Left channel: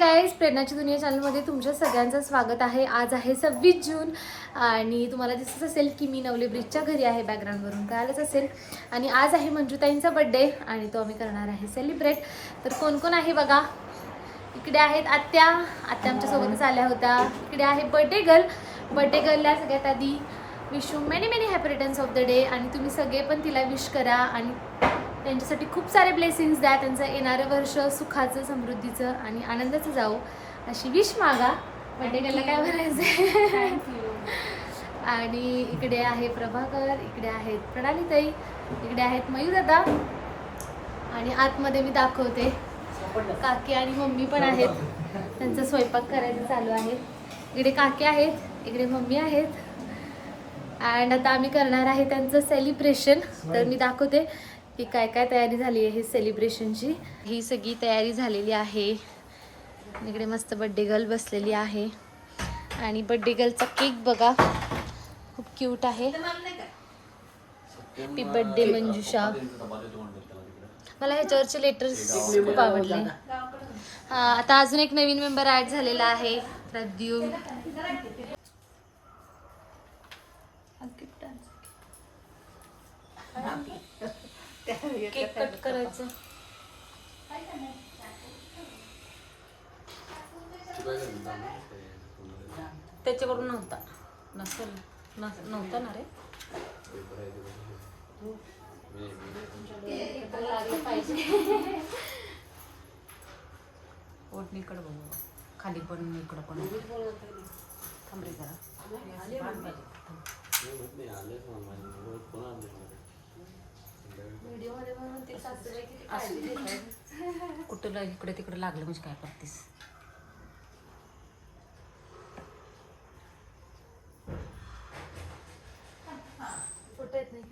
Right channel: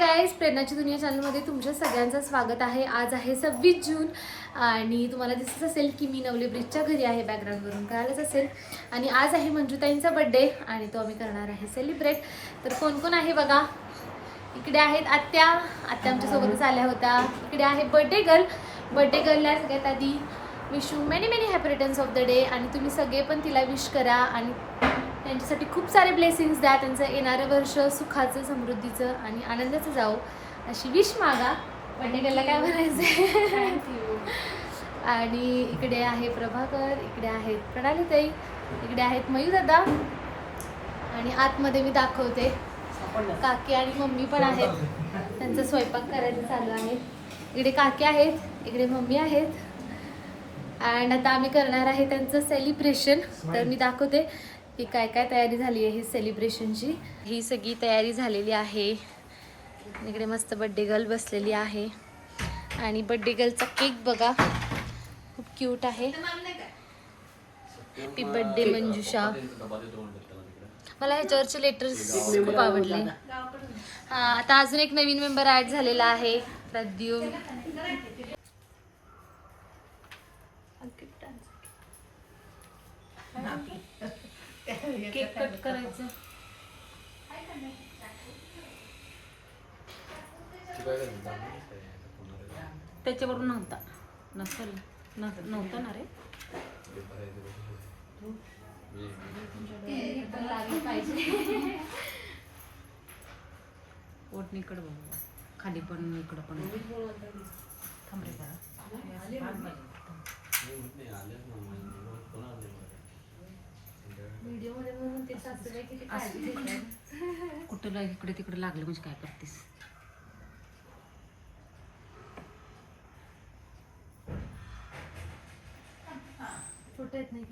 Guys, प्रेरणाची दुनिया चॅनलमध्ये तुमच्या सगळ्यांचं स्वागत आहे. आज आहे 26 जून आणि तुम्हाला दिसत असेल की मी नवले ब्रिजच्या घरी आहे. बॅकग्राऊंडवरून कळालंच असेल. आणि आज आहे मंजुताईंचा बड्डे आणि तो आम्ही करणार आहे सेलिब्रेट. तर कोण कोण आहे बघा. इकडे आहेत आत्या आमच्यासोबतच आल्या होत्या. इकडे आहे बर्थडे गर्लला सगळ्यात आधी wish you many many happy returns of the day. आणि तुम्ही सगळे पण तिला विश करा आणि त्यांच्यासाठी खूप सारे ब्लेसिंग्स द्या. त्यांचं येणारं वर्ष सुखाचं, समृद्धीचं आणि आनंदाचं जावो अशी विश मागा. बड्डे गर्लला काय म्हणायचं आहे. आणि इकडे आहे प्रभाकर, इकडे आहेत प्रणालीताई, इकडे आहेत मयूदादा आणि आतमध्ये मी दाखवते काकी आणि मम्मी पण आहेत. त्यांचा स्वयंपाक करायचं चालू आहे. इकडे काकी आहेत, इकडे मम्मी आहेत. अँड आता आम्ही करणार आहे त्यांचं सेलिब्रेशन. तर मी दाखवते की काय काय तयारी झाली आहे सेलिब्रेशनची. ही सगळी तयारी झालेली आहे. इकडे मस्त बड्डे गर्ल बसलेली आहे आणि बड्डे गर्लचा केक बघा, खूप क्यूट आहे. हॅपी बड्डे मंजुषा. मला ह्याच्यावरचे लेटर्स खूप आवडले. आता अजून एक नवीन मेंबर ॲड झालेला आहे, प्रद्युम. केक कट करायचं. त्याच्याकडून नव्हता ना रे. ओटणीकडे बघू, खाली पण इकडं पण. कुठं इकडे तिकडे लागलं म्हणजे काय करतेस. कुठे येत नाही.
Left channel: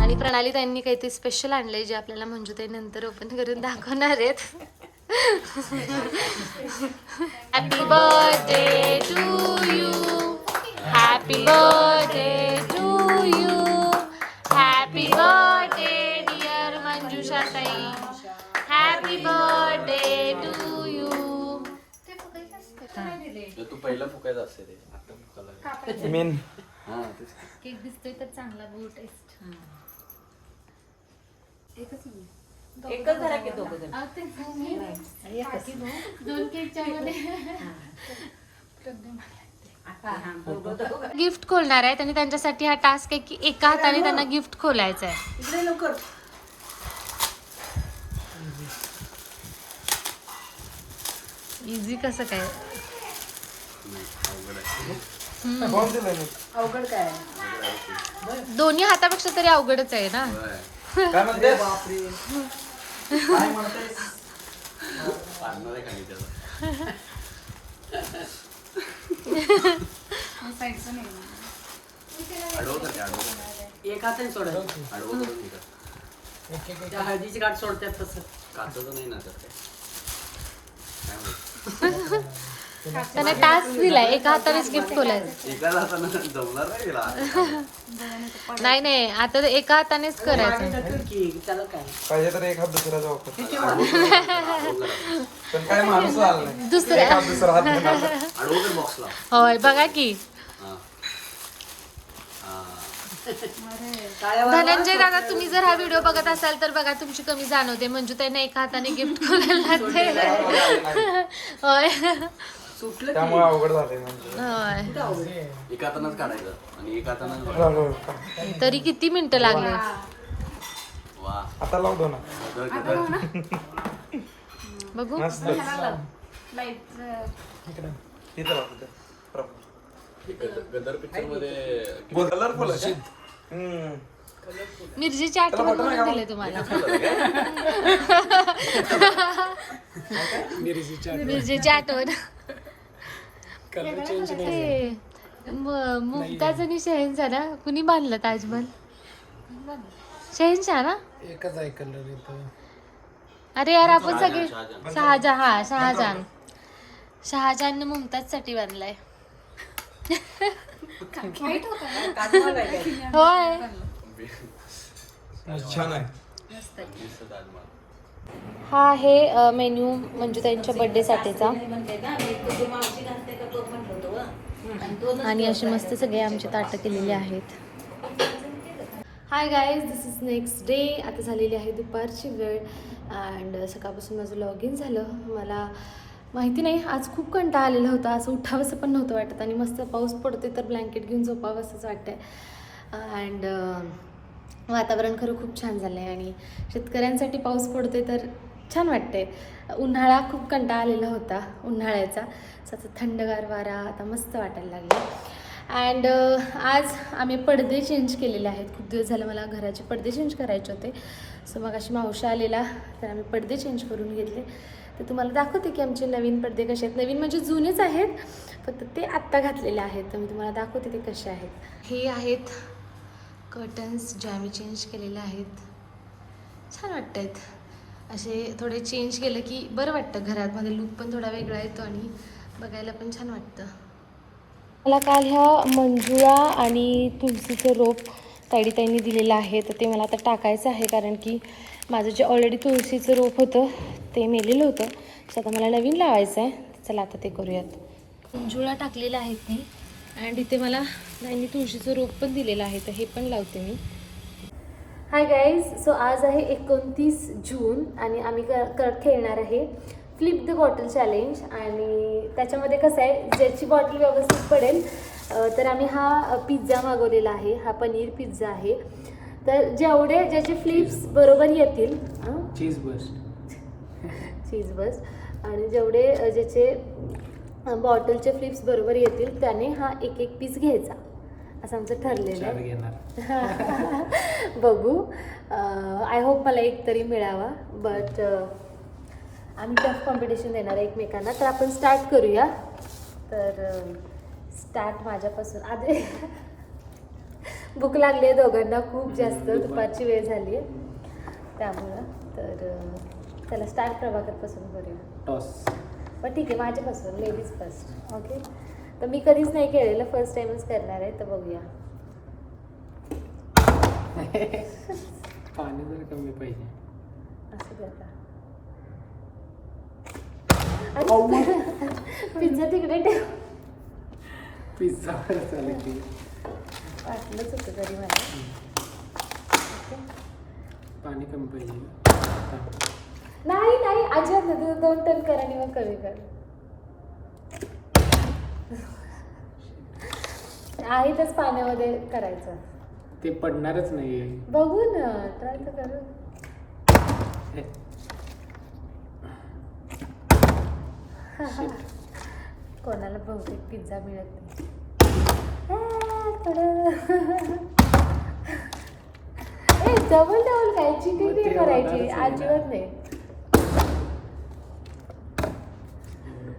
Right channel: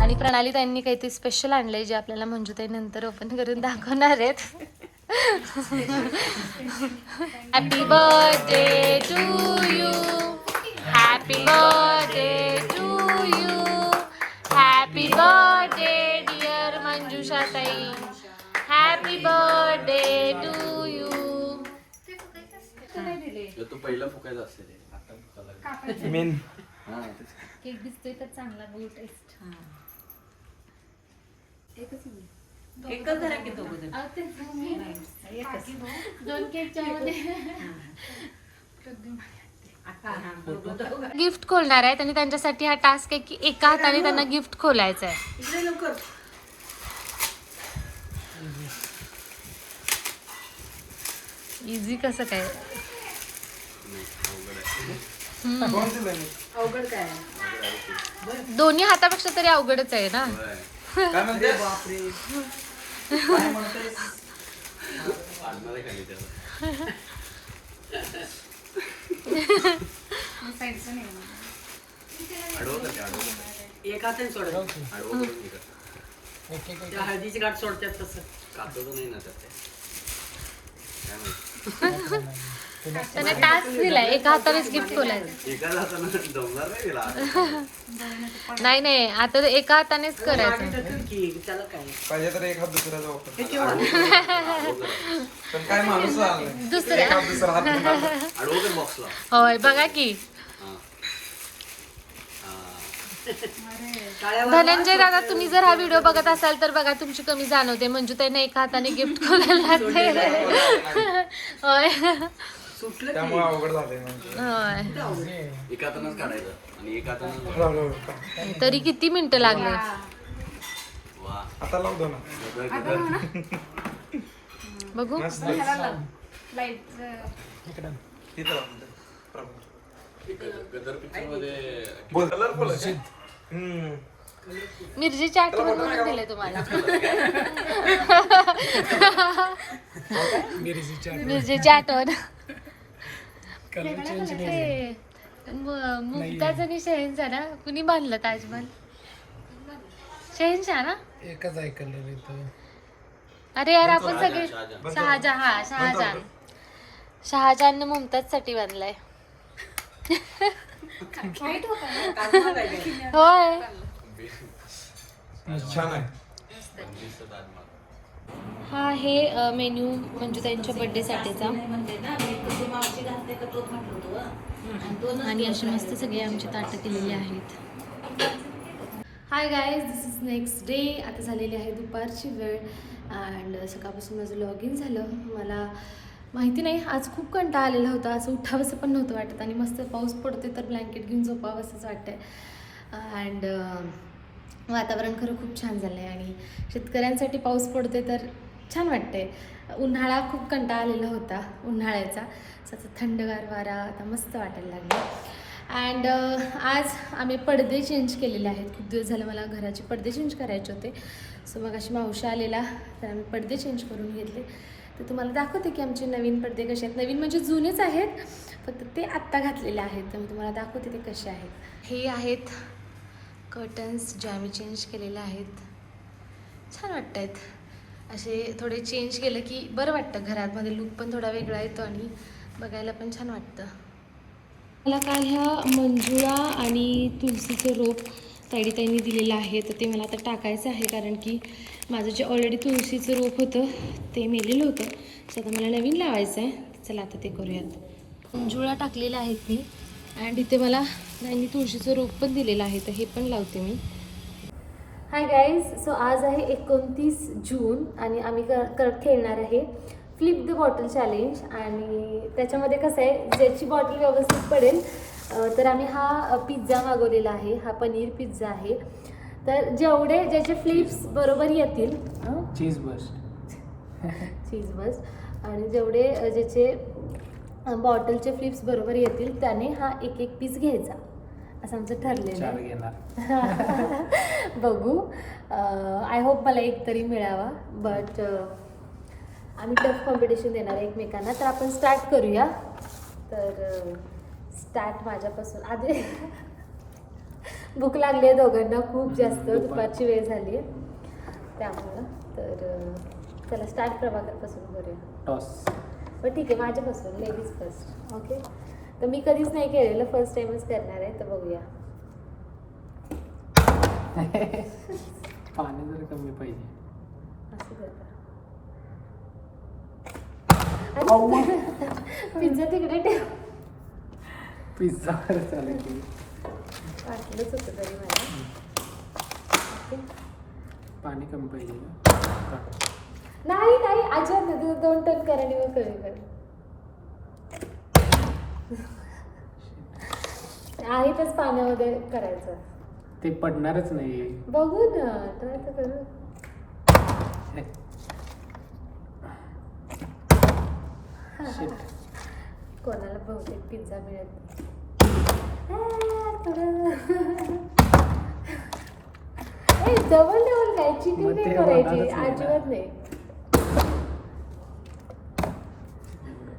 आणि प्रणाली त्यांनी काहीतरी स्पेशल आणलंय जे आपल्याला मंजुताई नंतर ओपन करून दाखवणार आहेत. Happy birthday to you, happy birthday to you, happy birthday dear Manjusha ताई, हॅपी बर्थडे टू यू. तू पहिला फुकायचा असते केक दिसतोय तर चांगला ब्लू टेस्ट. एकच झाला की दोघं. दोन केकच्या मध्ये गिफ्ट खोलणार आहेत आणि त्यांच्यासाठी हा टास्क आहे की एका हाताने त्यांना गिफ्ट खोलायचं आहे. इझी कसं काय. अवघड काय. दोन्ही हातापेक्षा तरी अवघडच आहे ना. काय म्हणते एक हाताने सोड. त्या हळदीची गाठ सोडतात तसं काचचं नाही ना त्यात त्यांना टास्क दिलाय एका हातानेच गिफ्ट खोलायचं. एका हातानं जमणार नाही तिला. नाही नाही, आता एका हातानेच करायचं. त्याला काय पाहिजे तर एक हात दुसऱ्याचा वापर. पण काय माणूस आला नाही. दुसऱ्या एक हात दुसरा हात घेऊन आला. अडवते बॉक्सला. होय बघा की. धनंजय दादा, तुम्ही जर हा व्हिडिओ बघत असाल तर बघा, तुमची कमी जाणवते. मंजुताईने एका हाताने गिफ्ट खोलायला लागते. होय त्यामुळे अवघड झालंय म्हणजे. होय. एका हातानंच काढायचं आणि एका हातानं तरी किती मिनिटं लागले. वा आता लाव दो ना. बघू मस्त. लाईट इकडे. इथं लाव, इथं. प्रभू. गदर पिक्चर मध्ये बोल कलरफुल आहे. मिरचीची आठवण म्हणून दिले तुम्हाला. मिरचीची आठवण. हे, मुमताज आणि शहेनशाह ना, कुणी बांधलं ताजमहल? शहेनशाह ना? एकच आहे कलर इथं. अरे यार आपण सगळे शहाजहान मुमताज साठी बांधलाय. होय. छान आहे. हा आहे मेन्यू म्हणजे त्यांच्या बर्थडे साठीचा. आणि अशी मस्त सगळे आमचे ताटं केलेली आहेत. Hi guys, this is next day. आता झालेली आहे दुपारची वेळ अँड सकाळपासून माझं लॉग इन झालं. मला माहिती नाही, आज खूप कंटाळा आलेला होता. असं उठावंसं पण नव्हतं वाटत आणि मस्त पाऊस पडते तर ब्लँकेट घेऊन झोपावंसंच वाटतंय. अँड वातावरण खरं खूप छान झालं आहे आणि शेतकऱ्यांसाठी पाऊस पडते तर छान वाटते. उन्हाळा खूप कंटाळा आलेला होता उन्हाळ्याचा. असं थंडगार वारा आता मस्त वाटायला लागले. अँड आज आम्ही पडदे चेंज केलेले आहेत. खूप दिवस झालं मला घराचे पडदे चेंज करायचे होते. सो मग अशी मावशी आलेला तर आम्ही पडदे चेंज करून घेतले. तर तुम्हाला दाखवते की आमचे नवीन पडदे कसे आहेत. नवीन म्हणजे जुनेच आहेत, फक्त ते आत्ता घातलेले आहेत. तर मी तुम्हाला दाखवते ते कसे आहेत. हे आहेत कर्टन्स जे आम्ही चेंज केलेले आहेत. छान वाटत आहेत. असे थोडे चेंज केलं की बरं वाटतं. घरामध्ये लुक पण थोडा वेगळा येतो आणि बघायला पण छान वाटतं. मला काल ह्या मंजुळा आणि तुळशीचं रोप ताईने दिलेलं आहे. तर ते मला आता टाकायचं आहे कारण की माझं जे ऑलरेडी तुळशीचं रोप होतं ते मेलेलं होतं. सो आता मला नवीन लावायचं आहे. चला आता ते करूयात. मंजुळा टाकलेल्या आहेत मी अँड इथे मला त्यांनी तुळशीचं रोप पण दिलेलं आहे. तर हे पण लावते मी. हाय गाईज, सो आज आहे 29 जून आणि आम्ही खेळणार आहे फ्लिप द बॉटल चॅलेंज. आणि त्याच्यामध्ये कसं आहे, ज्याची बॉटल व्यवस्थित पडेल तर आम्ही हा पिझ्झा मागवलेला आहे. हा पनीर पिझ्झा आहे. तर जेवढे ज्याचे फ्लिप्स बरोबर येतील चीज बस आणि जेवढे ज्याचे बॉटलचे फ्लिप्स बरोबर येतील त्याने हा एक पीस घ्यायचा असं आमचं ठरलेलं आहे. बघू, आय होप मला एक तरी मिळावा. बट आम्ही टफ कॉम्पिटिशन देणार आहे एकमेकांना. तर आपण स्टार्ट करूया. तर स्टार्ट माझ्यापासून. आधी भूक लागली आहे दोघांना खूप जास्त. दुपारची वेळ झाली आहे त्यामुळं. तर चला स्टार्ट प्रभाकरपासून करूया. टॉस. पण ठीक आहे, माझ्यापासून लेडीज फर्स्ट. ओके. तर मी कधीच नाही खेळलेलं, फर्स्ट टाइमच करणार आहे. तर बघूया. पाणी जर कमी पाहिजे. असं करता. पिझ्झा तिकडे ठेव. पिझ्झा चालेल की वाटलंच होतं तरी मला. पाणी कमी पाहिजे. नाही नाही, अजिबात 2 टन कर आणि मग कमी कर. आहेतच पाण्यामध्ये करायचं. ते पडणारच नाही. बघू ना, ट्राय तर करू. कोणाला बहुतेक पिझ्झा मिळत डबल काय चिकन नाही करायची अजिबात नाही.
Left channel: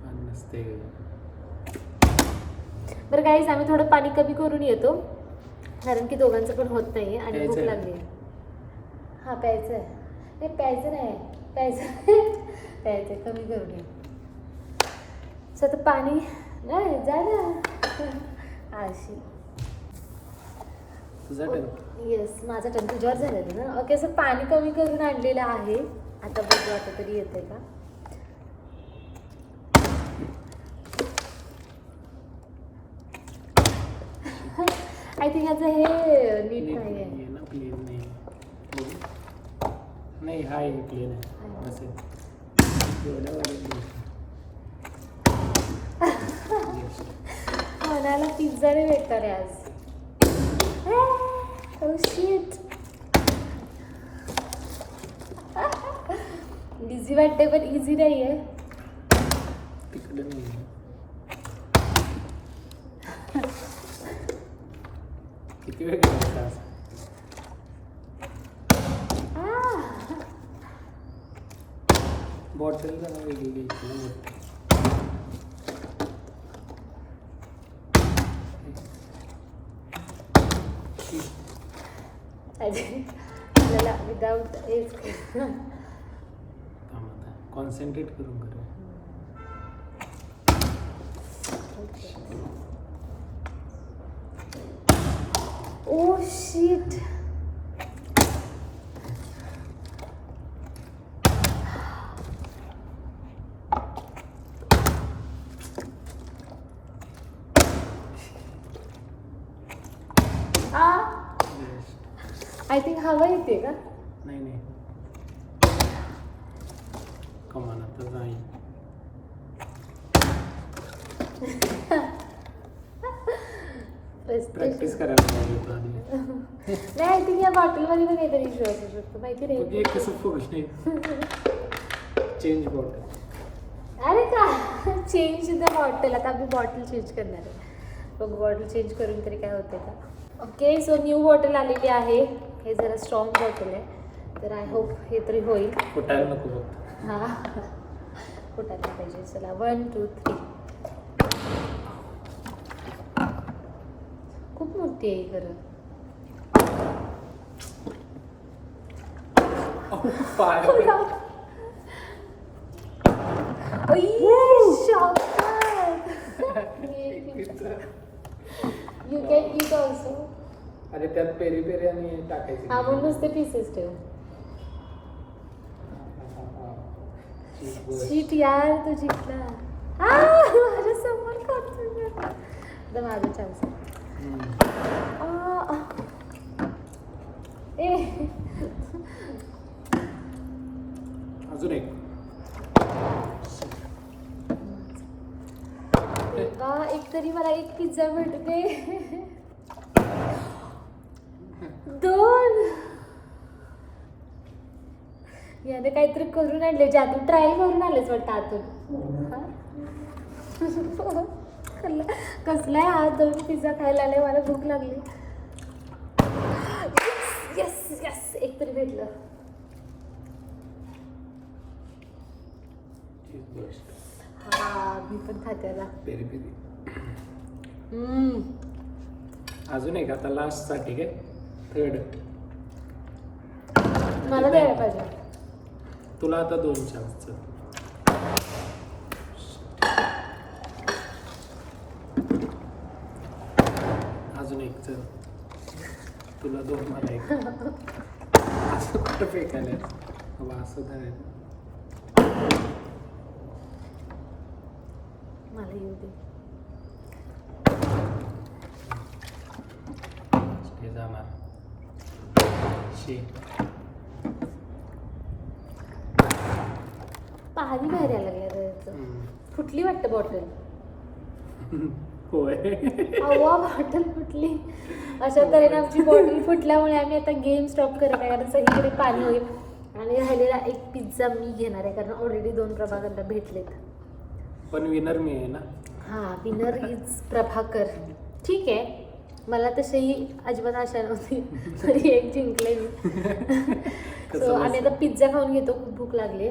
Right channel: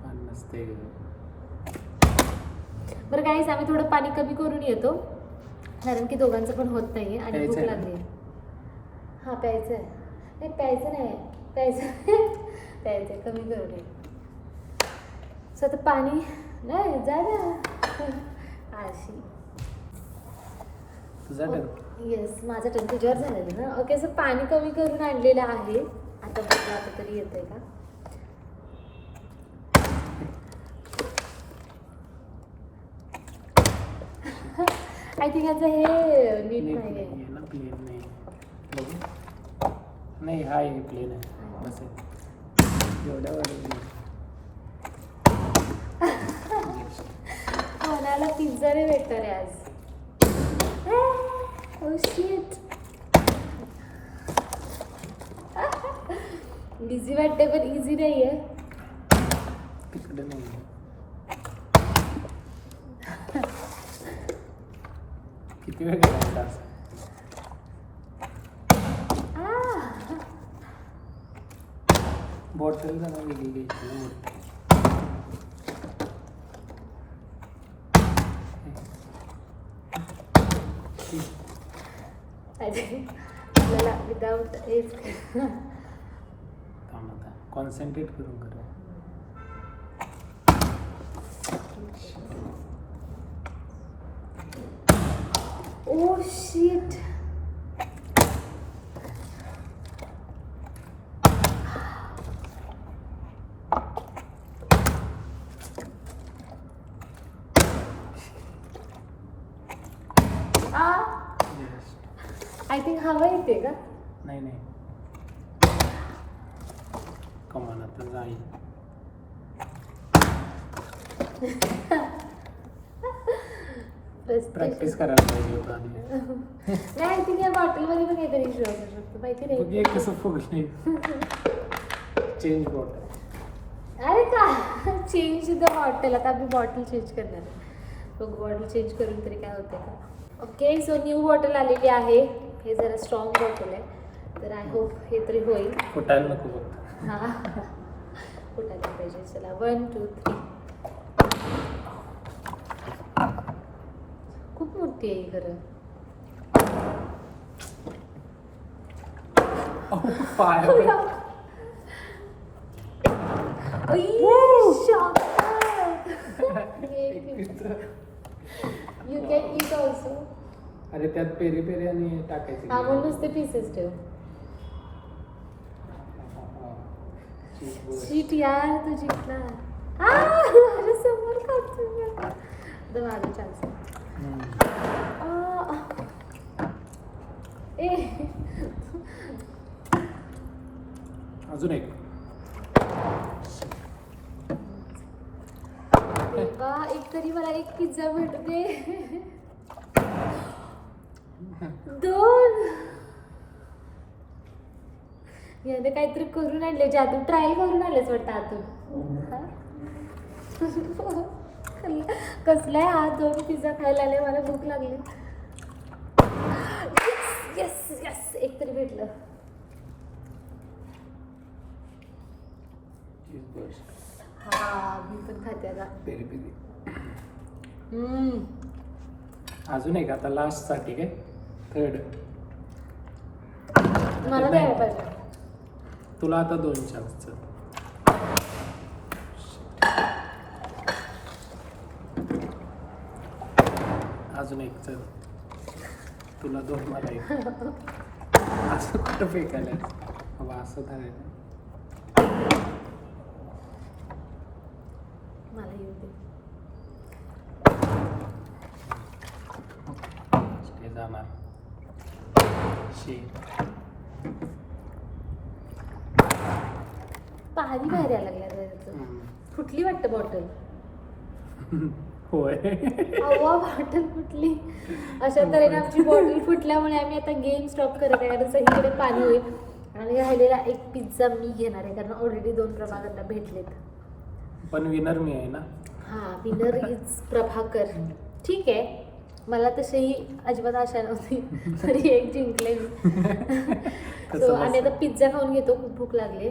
पाणी नसते. बरं काहीच आम्ही थोडं पाणी कमी करून येतो कारण की दोघांचं पण होत नाही आणि भूक लागली. हां प्यायचं आहे. नाही प्यायचं नाही, प्यायचं कमी करून ये. सो आता पाणी नाही जा ना अशी. येस, माझा टर्न तुझ्यावर झालेलं ना. ओके, सो पाणी कमी करून आणलेलं आहे. आता बघू आता तरी येतंय का. आय थिंक आता हे नीट नाही आहे ना. प्लेन नाही. बघू. नाही हा आहे प्लेन आहे. बस एवढ्या वाढत. मनाला पिझ्झा नाही भेटणार आहे आज. Oh shit. इझी वाटते पण इझी नाही आहे. तिकडे नाही. किती वेळ करायचा असं? बॉटल जरा वेगळी घ्यायची ना मोठी. आपल्याला विदाउट थांब आता कॉन्सन्ट्रेट करून करूया. Oh shit. आय थिंक हवा येते का? नाही नाही कमान आता जाईल. प्रॅक्टिस करायला पाहिजे होतं आधी. नाही आय थिंक या बॉटलमध्ये पण एक इश्यू असू शकतो माहिती बघ नाही. एक कसं फुगणे. Change bottle. अरे का चेंज द बॉटल. आता आम्ही बॉटल चेंज करणार आहे. बघ बॉटल चेंज करून तरी काय होतं का. ओके सो न्यू बॉटल आलेली आहे. हे जरा स्ट्रॉंग बॉटल आहे तर आय होप हे तरी होईल. फुटायला नको फक्त. हां फुटायला पाहिजे. चला 1 2 3. खूप मोठी आहे खरं. पायावर. You can eat also. अरे त्यात पेरी पेरी आणि टाकायचे. हा म्हणूनच ते पीसेस ठेव. शीट यार तू जिंकला. माझ्या समोर खातो. तर माझी चान्स. ए अजून एक. देवा एक तरी मला एक पिझ्झा भेटते. 2 याने काहीतरी करून आणले. जादू ट्राय करून आलेच वाटतं आतून. कसला आहे हा. 2 पिझ्झा खायला आले. मला भूक लागली. यस यस एक तरी भेटलं. हा मी पण खाते आता. Peri peri. अजून एक आता लास्ट साठी काय. थर्ड मला द्यायला पाहिजे. तुला आता 2 चान्स. अजून एक चल. तुला 2 मला 1. असं कुठं फेकायला हवा. असं धरायचं. मला येऊ दे. ते जाणार. पाणी बाहेर यायला लागल्या त्याचं. फुटली वाटतं बॉटल. होय. अव्वा बॉटल फुटली. अशा तऱ्हेने आमची बॉटल फुटल्यामुळे आम्ही आता गेम स्टॉप करत आहे कारण सगळीकडे पाणी होईल. आणि राहिलेला एक पिझ्झा मी घेणार आहे कारण ऑलरेडी 2 प्रभाकरला भेटलेत. पण विनर मी आहे ना. हां विनर इज प्रभाकर. ठीक आहे. मला तशीही अजिबात आशा नव्हती तरी एक जिंकले मी. सो आम्ही आता पिझ्झा खाऊन घेतो. खूप भूक लागली.